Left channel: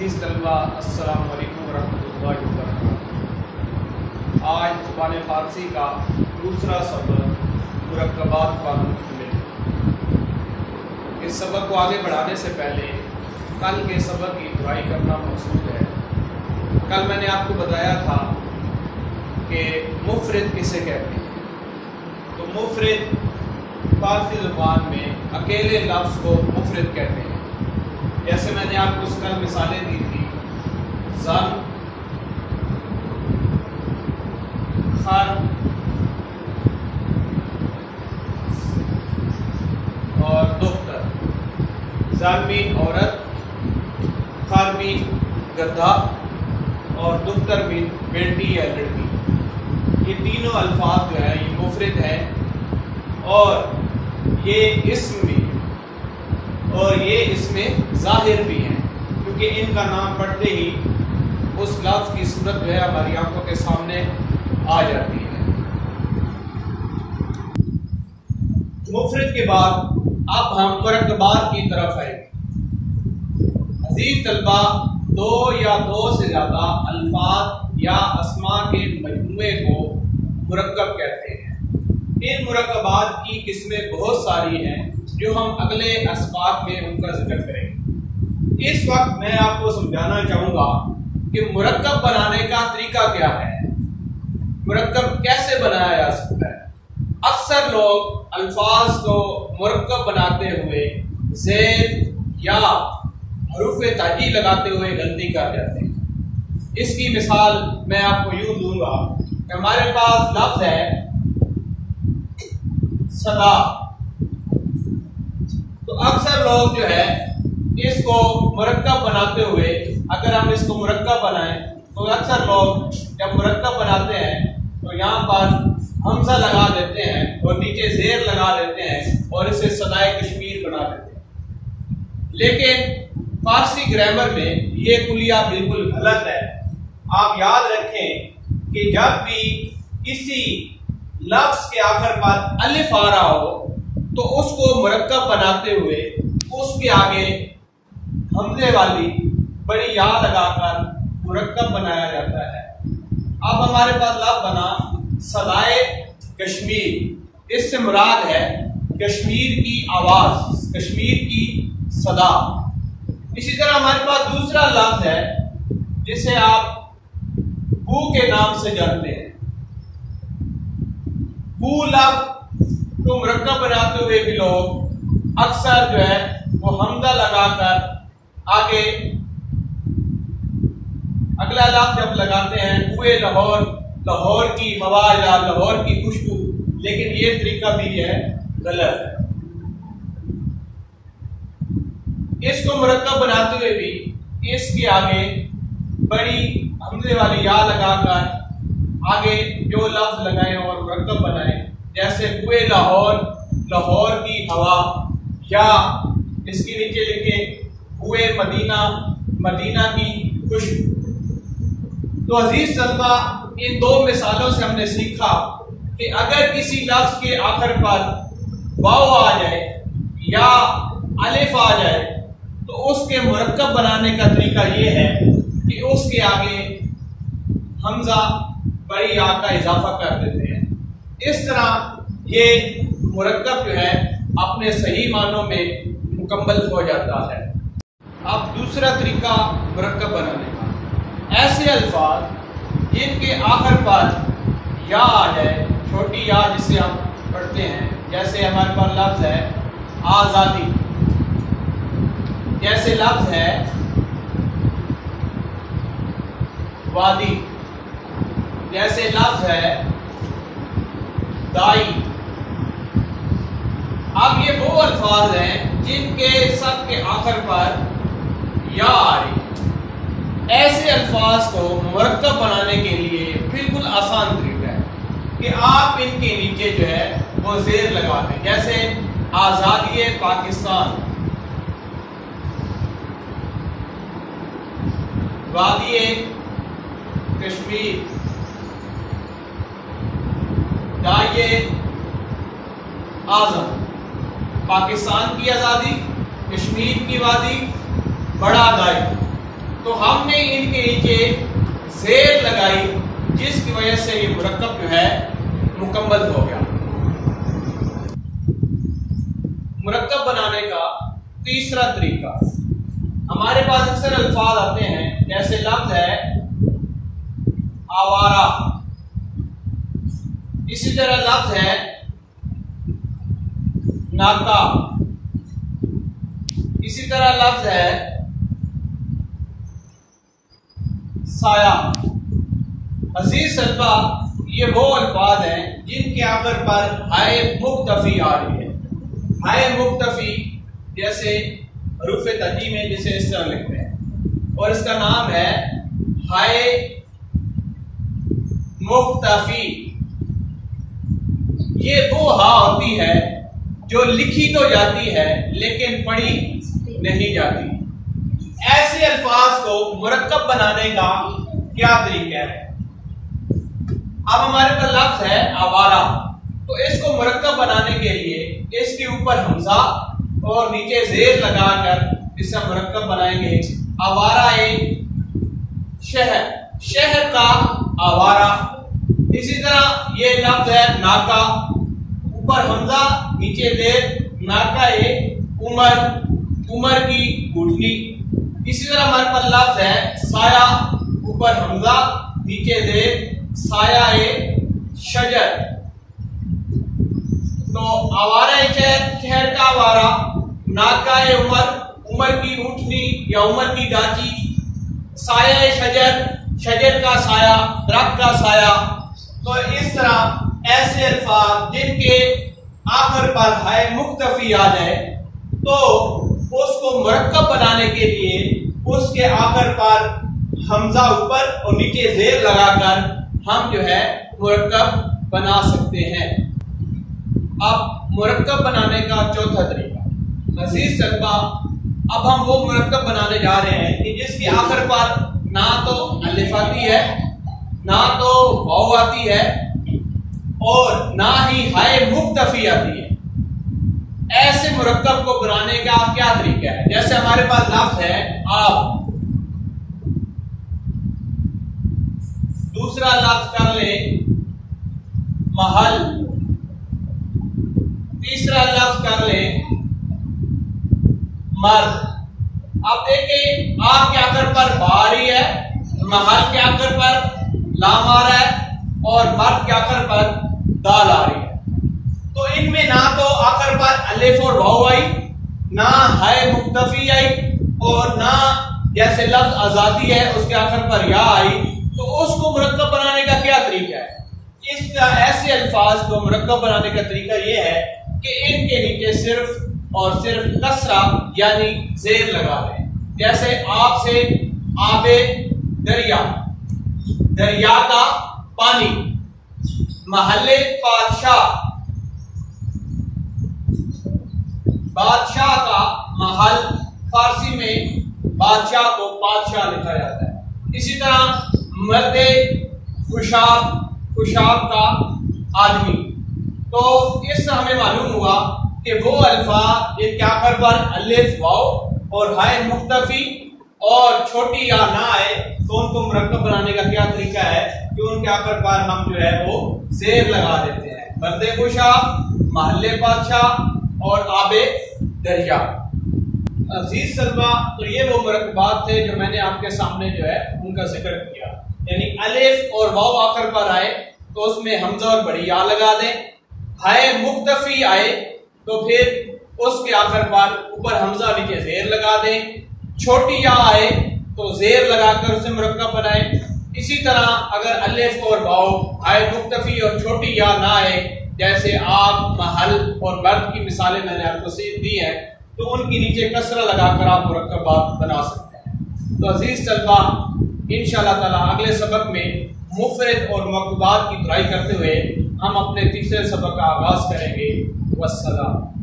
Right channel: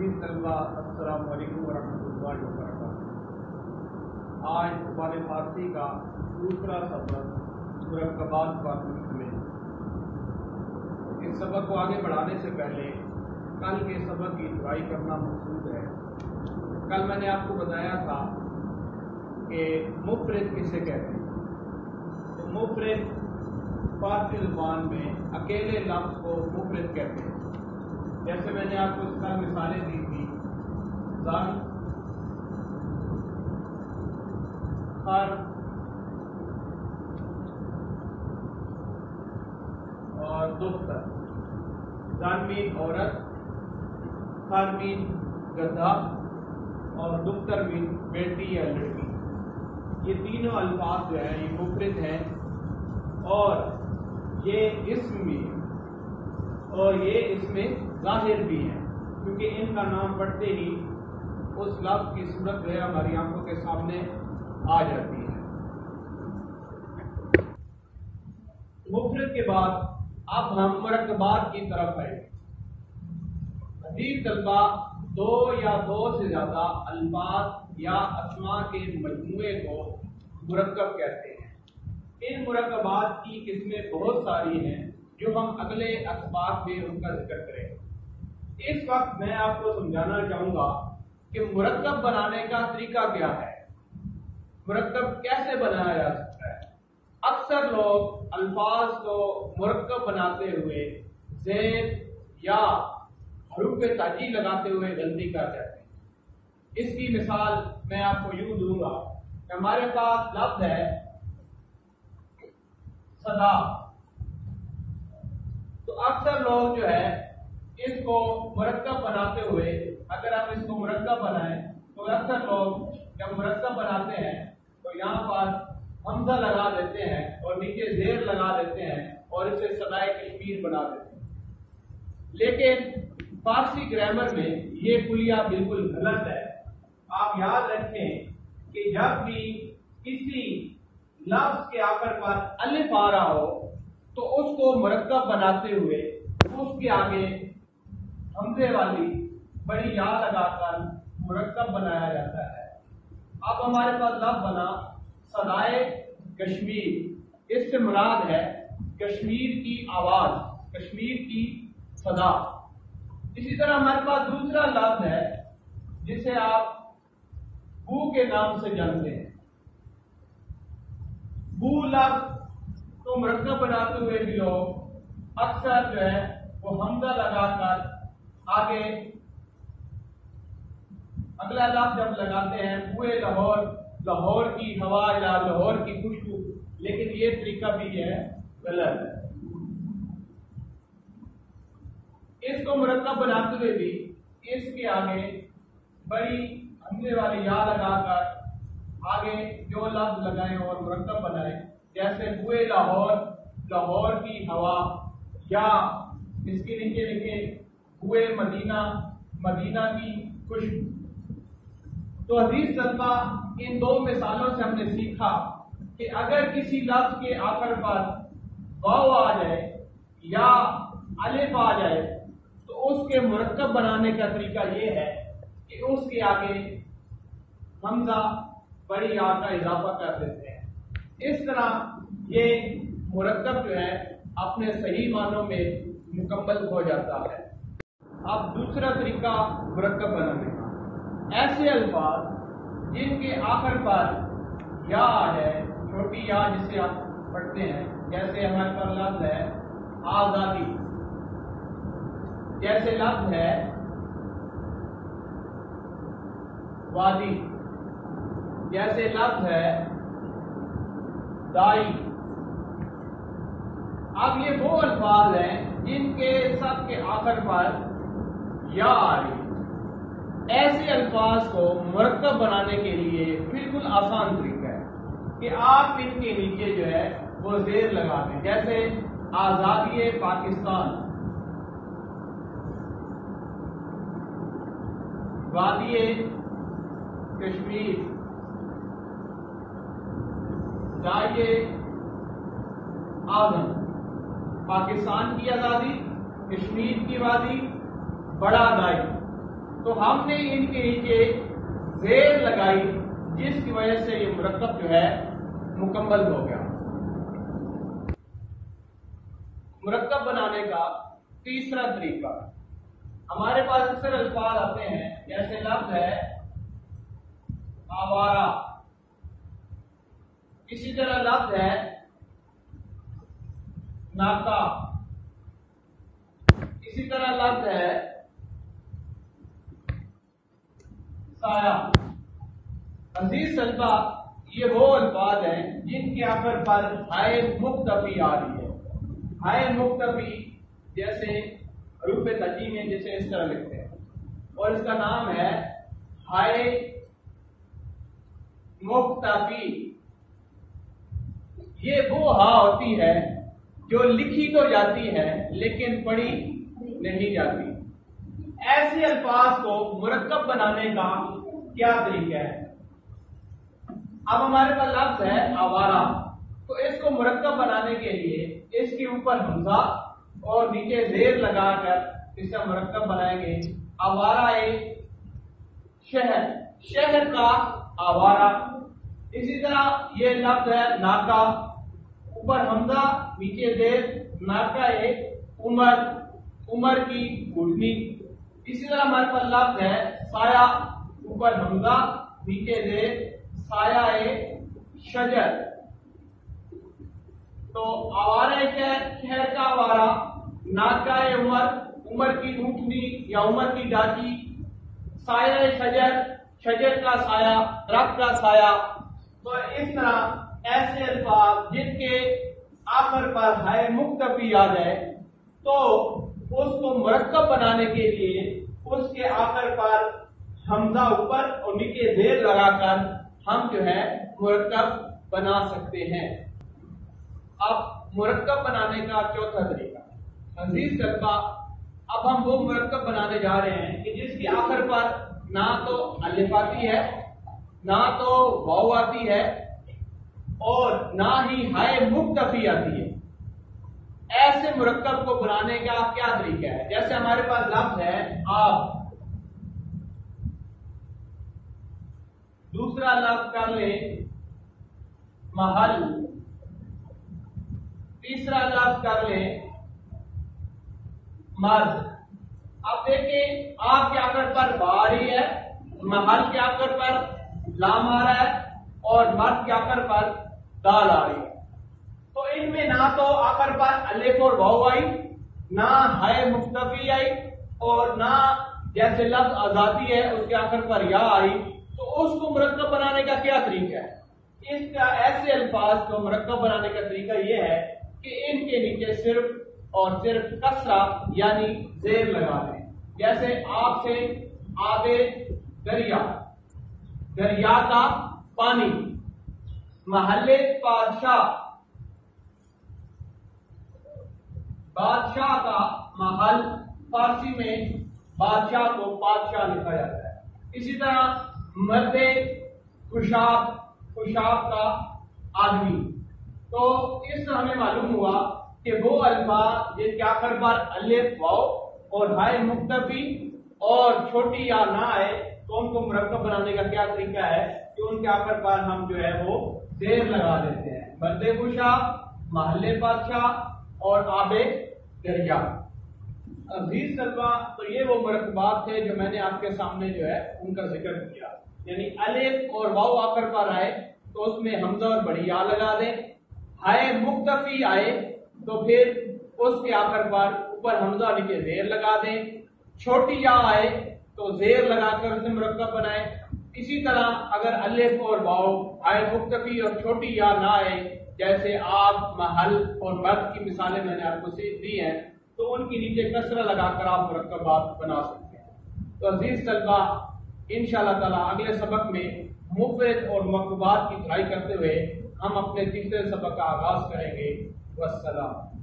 अजीज़ तलबा अस्सलाम वालेकुम वरहमतुल्लाहि वबरकातुहू। आज ज़ुबान फ़ारसी का दूसरा सबक मुरक्कबात पर मुश्तमिल है। इस सबक को आगे बढ़ाने से पहले कल के सबक की दुआई करना मकसूद है। कल मैंने आपको बताया था कि मुफ़रद किसे कहते हैं। तो मुफ़रद फ़ारसी ज़ुबान में अकेले लफ्ज़ को मुफ़रद कहते हैं। जैसे मैंने आपको कल मिसालें दी थी, ज़न, खर और दुख्तर। ज़न मीन औरत, खर मीन गधा और दुख्तर मीन बेटी या लड़की। ये तीनों अल्फाज जो है ये मुफ़रद है और ये इस्म भी और ये इसमें ज़ाहिर भी हैं, क्योंकि इनका नाम पढ़ते ही उस लफ्ज़ की सूरत जो है हमारी आंखों के सामने आ जाती है। मुफ़रद के बाद अब हम मुरक्कबात की तरफ आएंगे। अज़ीज़ तलबा, दो या दो से ज़्यादा अल्फाज या अस्मा के मजमूए को मुरक्कब कहते हैं। इन मुरक्कबात की किस्में बहुत सारी हैं जो हम अगले असबाब में उनका जिक्र करेंगे। इस वक्त मैं आपको समझाना चाहूँगा कि मुरक्कब बनाने का तरीका क्या है, मुरक्कब कैसे बनाया जा सकता है। अक्सर लोग अल्फाज को मुरक्कब बनाते हुए ज़ेर या हरूफ ताजी लगाते हुए गलती कर जाते हैं। इसकी मिसाल मैं आपको यूँ दूंगा कि हमारे पास लफ्ज़ है सदा। तो अक्सर लोग जो है इसको मुरक्कब बनाते हुए, अगर हम इसको मुरक्कब बनाएं तो अक्सर लोग जब मुरक्कब बनाते हैं तो यहाँ पर हमजा लगा देते हैं और नीचे ज़ेर लगा देते हैं और इसे सदाए कश्मीर बना देते हैं। लेकिन फारसी ग्रामर में ये कुलिया बिल्कुल गलत है। आप याद रखें कि जब भी किसी लफ्ज़ के आखिर पर अलिफ आ रहा हो तो उसको मुरक्कब बनाते हुए उसके आगे हमजे वाली बड़ी या लगाकर मुरक्कब बनाया जाता है। अब हमारे पास लफ्ज़ बना सदाए कश्मीर। इससे मुराद है कश्मीर की आवाज़, कश्मीर की सदा। इसी तरह हमारे पास दूसरा लफ्ज़ है जिसे आप बू के नाम से जानते हैं। बू लफ्ज़ तो मुरक्कब बनाते हुए भी लोग अक्सर जो है वो हमजा लगाकर आगे अगला लफ्ज़ जब लगाते हैं हुए लाहौर, लाहौर की हवा या लाहौर की खुशबू, लेकिन ये तरीका भी है गलत है। इसको मुरक्कब बनाते हुए भी इसके आगे बड़ी हमजे वाली या लगाकर आगे जो लफ्ज़ लगाए और मुरक्कब बनाए, जैसे हुए लाहौर, लाहौर की हवा, या इसके नीचे लिखे हुए मदीना, मदीना की खुशबू। तो अजीज तलबा, इन दो मिसालों से हमने सीखा कि अगर किसी लफ्ज़ के आखिर पर वाव आ जाए या अलिफ आ जाए तो उसके मुरक्कब बनाने का तरीका ये है कि उसके आगे हमजा बड़ी या का इजाफा कर देते हैं। इस तरह ये मुरक्कब जो है अपने सही मानों में मुकम्मल हो जाता है। अब दूसरा तरीका मुरक्कब बनाने का, ऐसे अल्फाज जिनके आखिर पर या आ जाए, छोटी या जिसे हम पढ़ते हैं, जैसे हमारे पास लफ्ज़ है आज़ादी, जैसे लफ्ज़ है वादी, जैसे लफ्ज़ है दाई। अब ये वो अल्फाज हैं जिनके सब के आखिर पर या आ रही। ऐसे अल्फाज को मुरक्कब बनाने के लिए बिल्कुल आसान तरीका है कि आप इनके नीचे जो है वो ज़ेर लगा दें। जैसे आज़ादी पाकिस्तान, वादी कश्मीर, दाए आज़म। पाकिस्तान की आज़ादी, कश्मीर की वादी, बड़ा दाई। तो हमने इनके नीचे जेर लगाई, जिसकी वजह से ये मुरक्कब जो है मुकम्मल हो गया। मुरक्कब बनाने का तीसरा तरीका, हमारे पास अक्सर अल्फाज आते हैं, जैसे लफ्ज है आवारा, इसी तरह लफ्ज है नाका, इसी तरह लफ्ज है साया। अजीज सल्फा, ये वो अल्फाज हैं जिनके आखिर पर हाय मुख्तफी आ रही है। हाय मुख्तफी जैसे हरूफ तजी में जिसे इस तरह लिखते हैं, और इसका नाम है हाय मुख्तफी। ये वो हा होती है जो लिखी तो जाती है लेकिन पढ़ी नहीं जाती। ऐसे अल्फाज को मुरक्कब बनाने का क्या तरीका है? अब हमारे पास लफ्ज है आवारा, तो इसको मुरक्कब बनाने के लिए इसके ऊपर हमजा और नीचे जेर लगाकर इसे मुरक्कब बनाएंगे। आवारा एक शहर, शहर का आवारा। इसी तरह ये लफ्ज है नाका, ऊपर हमजा नीचे जेर, नाका एक उमर, उमर की घुटनी। इसी तरह हमारे पास लफ्ज है साया, ऊपर हमजा नीचे जेर, साया एक शजर। तो आवारा शहर का आवारा, नाका उमर, उमर की ऊँटनी या उमर की डाची, साया शजर, शजर का साया, दरख्त का साया। तो इस तरह ऐसे अल्फाज जिनके आखिर पर हाय मुख्तफी आ जाए, तो उसको मुरक्कब बनाने के लिए उसके आखिर पर हमजा ऊपर और नीचे जेर लगाकर हम जो है मुरक्कब बना सकते हैं। अब मुरक्कब बनाने का चौथा तरीका, अजीज तलबा, अब हम वो मुरक्कब बनाने जा रहे हैं कि जिसकी आखिर पर ना तो अलिफ आती है, ना तो वाव आती है, और ना ही हाय मुख्तफी आती है। ऐसे मुरक्कब को बनाने का क्या तरीका है? जैसे हमारे पास लफ्ज है आप, दूसरा लफ्ज कर ले महल, तीसरा लफ्ज कर ले मर्द। अब देखें, आप के आखिर पर बा आ रही है, महल के आखिर पर लाम आ रहा है, और मर्द के आखिर पर दाल आ रही है। तो इनमें ना तो आखिर पर अलिफ और वाव आई, ना हाय मुख्तफी आई, और ना जैसे लफ्ज आजादी है उसके आखिर पर या आई। तो उसको मुरक्कब बनाने का क्या तरीका है? इसका ऐसे अल्फाज को मुरक्कब बनाने का तरीका यह है कि इनके नीचे सिर्फ और सिर्फ कसरा यानी जेर लगा दें। जैसे आप से आबे दरिया, दरिया का पानी, महल्ले बादशाह, बादशाह का महल, फारसी में बादशाह को बादशाह लिखा जाता है। इसी तरह मर्दे खुशाब, खुशाब का आदमी। तो इससे हमें मालूम हुआ कि वो अल्फाज जिनके आखिर पर अलिफ वाव और हाय मुख्तफी और छोटी या ना आए, तो उनको मुरक्कब बनाने का क्या तरीका है कि उनके आखिर पर हम जो है वो जेर लगा देते हैं। मर्दे खुशाब, महल्ले बादशाह और आबे दरिया। अजीज सल्वा, तो ये वो मुरक्कबात थे जो मैंने आपके सामने जो है उनका जिक्र किया। यानी अलिफ और वाव आखिर पर आए तो उसमें हमजा और बड़ी या लगा दें, हाय मुख्तफी आए तो फिर उसके आखिर पर ऊपर हमजा नीचे जेर लगा दें, छोटी या आए तो जेर लगाकर उसे मुरक्कब बनाए। इसी तरह अगर अलिफ और वाव, हाय मुख्तफी और छोटी या ना आए, जैसे आप, महल और मर्द की मिसालें मैंने आपको दी हैं, तो उनके नीचे कसरा लगाकर आप मुरक्कबात बना सकते हैं। तो अजीज तलबा, इंशाअल्लाह ताला अगले सबक में मुफरद और मकरूबात की दुआई करते हुए हम अपने तीसरे सबक का आगाज करेंगे। वस्सलाम।